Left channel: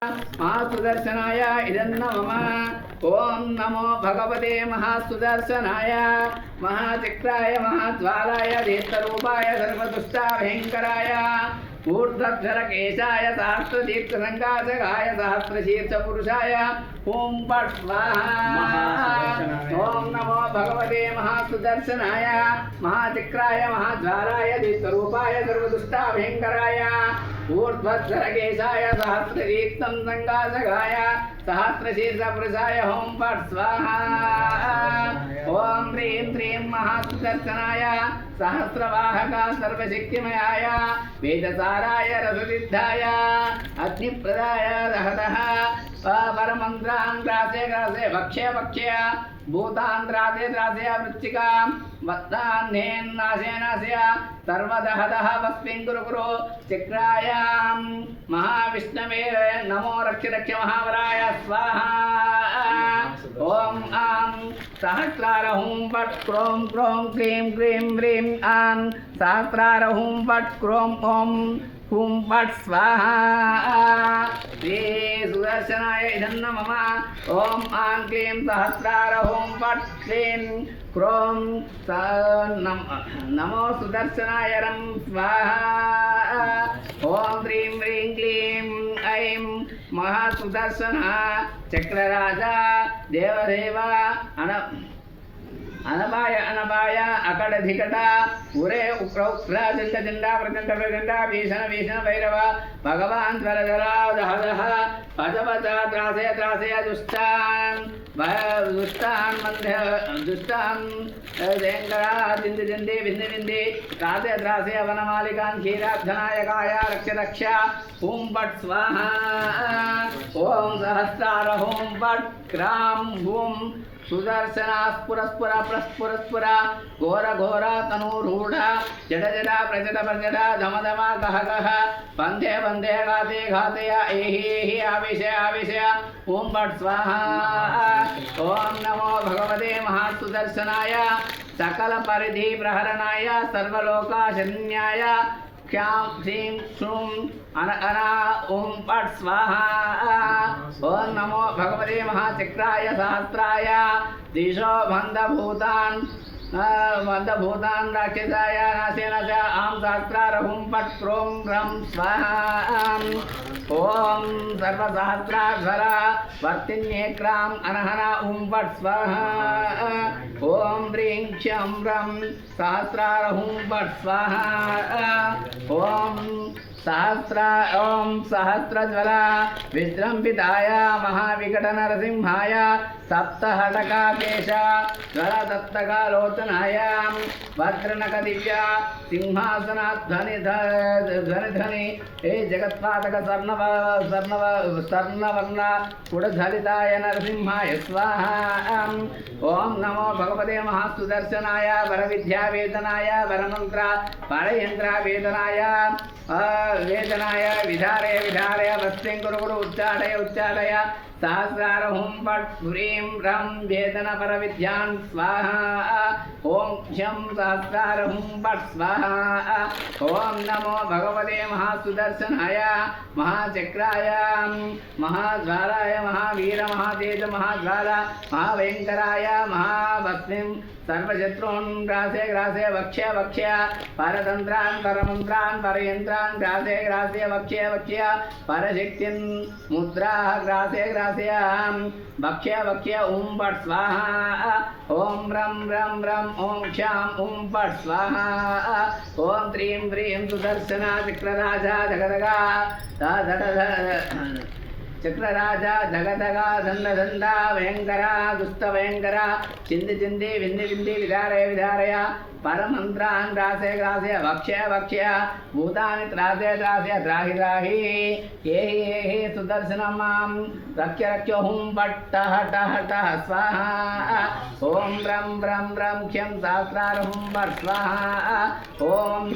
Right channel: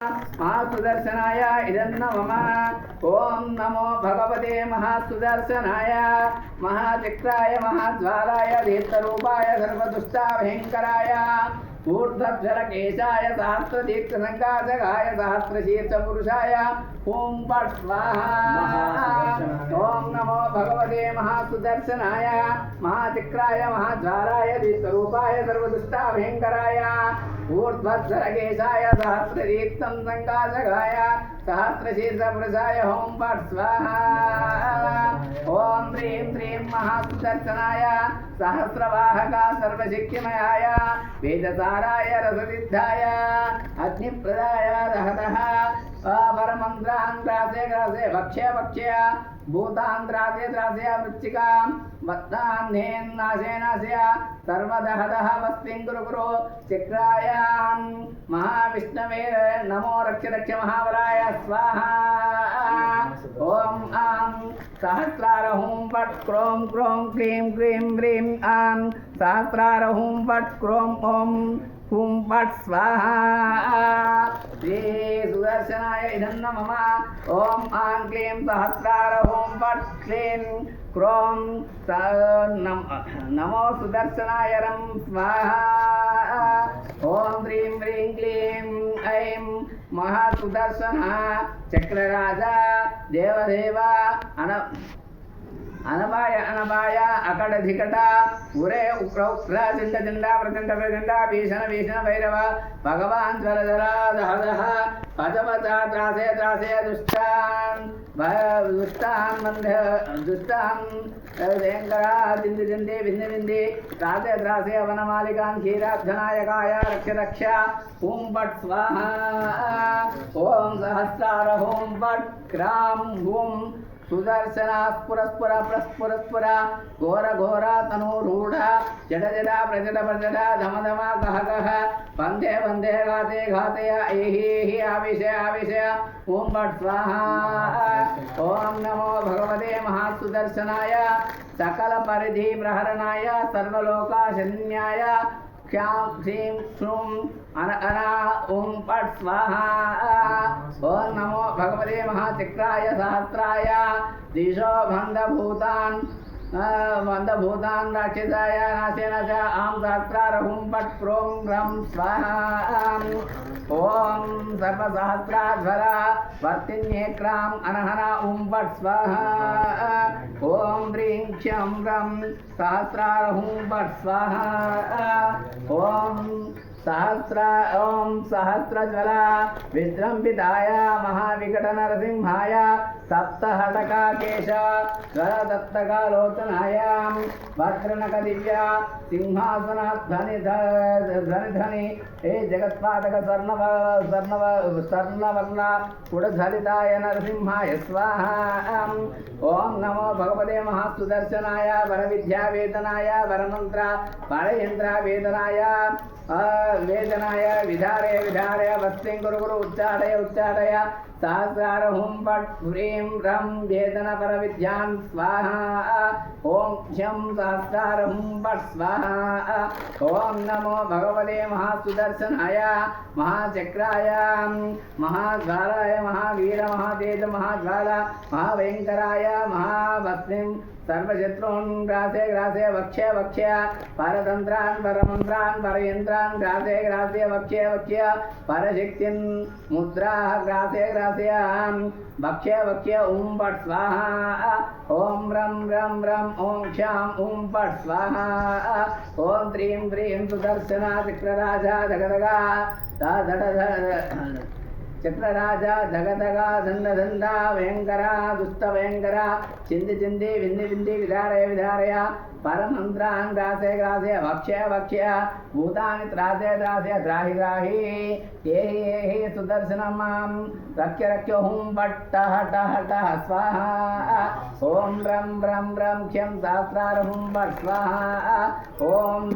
महासुदर्शनाय इदन्न मम ओम नमो भगवते महासुदर्शनाय महाचक्राय महाज्वालाय दीप्तरूपाय सर्वदुष्टाभयङ्कराय ऊर्ध्वधरकेशाय सहस्रदीप्तसङ्काशकाय सहस्रशीर्षपुरुषाय ओम पट् स्वाहा ओम नमो भगवते महासुदर्शनाय महाचक्राय महाज्वालाय दीप्तरूपाय सर्वदुष्टाभयङ्कराय ऊर्ध्वधरकेशाय सहस्रदीप्तं सङ्काशकाय सहस्रशीर्षपुरुषाय ओम पट् स्वाहा ओम ह्रीं श्रीं महासुदर्शनाय सहस्रवाहका सर्वशक्तिमयाय वेदसाराय रससिद्धाय अग्निप्रदाय रहतः परमन्त्रान्त्रासे ग्रासे भक्ष्य भक्ष्य भूतान्त्रासे त्रासे वृश्चिकां वत्तान्नेन नाशे नाशय सर्वदहदः वस्मिन् गुरु गुरु चक्रायां महाविष्णवे नमो रक्ष रक्ष महावराय स्वाहा ओम आं सहस्रार हुं फट् क्रों क्रों क्लीं क्रीं व्रीं आं सहस्रार हुं फट् क्रों ओं हुं फट् स्वाहा श्री सुदर्शनाय इदं मम ओम आं क्लीं सहस्रार हुं फट् क्लीं क्रों नमो सुदर्शनाय रं स्वाहा ओम ह्रीं व्रीं क्लीं ऐं महासुदर्शन चक्रराजा देवदेवा अनबाय अनबाय अकड़ धिकट उरे उक्र उक्र जिंद जिंदा प्रचंड प्रचंड भीषण भीषण भैरव भगवान जल जला दह दह पदवचा त्रासे त्रासे दुष्टान दुष्टान मंदे दुष्टान देंगरा जिंद जिंदे विंदे विंदे त्रासे त्रासे वनमालिकां क्षीराब्धनायकाय रक्ष रक्ष ओम पट् स्वाहा ओम सहस्रार ओम पट् क्रां ओम सुदर्शना स्फुरस्फुर प्रस्फुरस्फुर घोर घोर तनूरूढ़ जड जड प्रजड प्रजड धम धम गह गह वंदे वंदे घाते घातय एहि एहि आविशय आविशय ओम पट् स्वाहा ओम नमो भगवते महासुदर्शनाय सकल परिधि प्रहरणाय सर्वलोकाशन्याय क्यां श्रीं श्रूं अन अना ओम पट् स्वाहा ओम नमो भगवते महाचक्राय सहस्राय दिशो बन्धभूतान् राक्षसाय नाशेन च आं सहस्रार हुं फट् क्रों रं स्वाहा ओम सर्वसहस्राध्वर वर्तिन्येक्रां अनहना ओम पट् स्वाहा ओम ह्रीं क्षं रं सहस्रार हुं फट् स्वाहा ओम सहस्रज्वला विजृंभिताय महाविकट नरसिंहाय सप्तहटकाकेश दत्तकालोचनाय भद्रनक दिव्या सिंहासनाध्वनि ध्वनि हे जगत्पादक स्वर्णवर्ण पुरधरिताय नरसिंहाय स्वाहा ओम नमो भगवते महासुदर्शनाय वरविद्यावेदनाय वरमंत्र परयंत्रावेदनाय वेदनाय विधारय विधारय वस्तिं गुरु गुरु उच्चाटय उच्चाटय सहस्रार हुं फट् ह्रीं रं वेदन परविद्यान् स्वाहा ओम क्षं सहस्रार हुं फट् स्वाहा ओम नमो भगवते महासुदर्शनाय महाचक्राय महाज्वालाय महावीर महातेज महाज्वाला महाभयंकराय महावस्मिं सर्वशत्रून् ग्रासे ग्रासे वक्ष्य वक्ष्य परतन्त्रान् परमन्त्रान् परयन्त्रान् ग्रासे ग्रासे वक्ष्य वक्ष्य परशक्तिं मुद्राः ग्रासे ग्रासे भक्ष्य भक्ष्य ओम पट् स्वाहा ओम रं रं रं ओम क्षां ओम पट् स्वाहा ओम ह्रीं ह्रीं सुदर्शना चक्रराजा जगदगा चक्रराजा धगधगा दंड दंडा भयंकरा दुष्ट भयंकरा चिंदि चिंदि विंदि विंदि विधारय विधारय परमंत्रान् ग्रासे ग्रासे भक्ष्य भक्ष्य भूतानि त्रासे त्रासे द्राहि द्राहि एहि एहि सुदर्शनं मां रक्ष्य रक्ष्य हुं फट् टः टः टः स्वाहा ओम रं रं रं क्षं सहस्रार हुं फट् स्वाहा ओम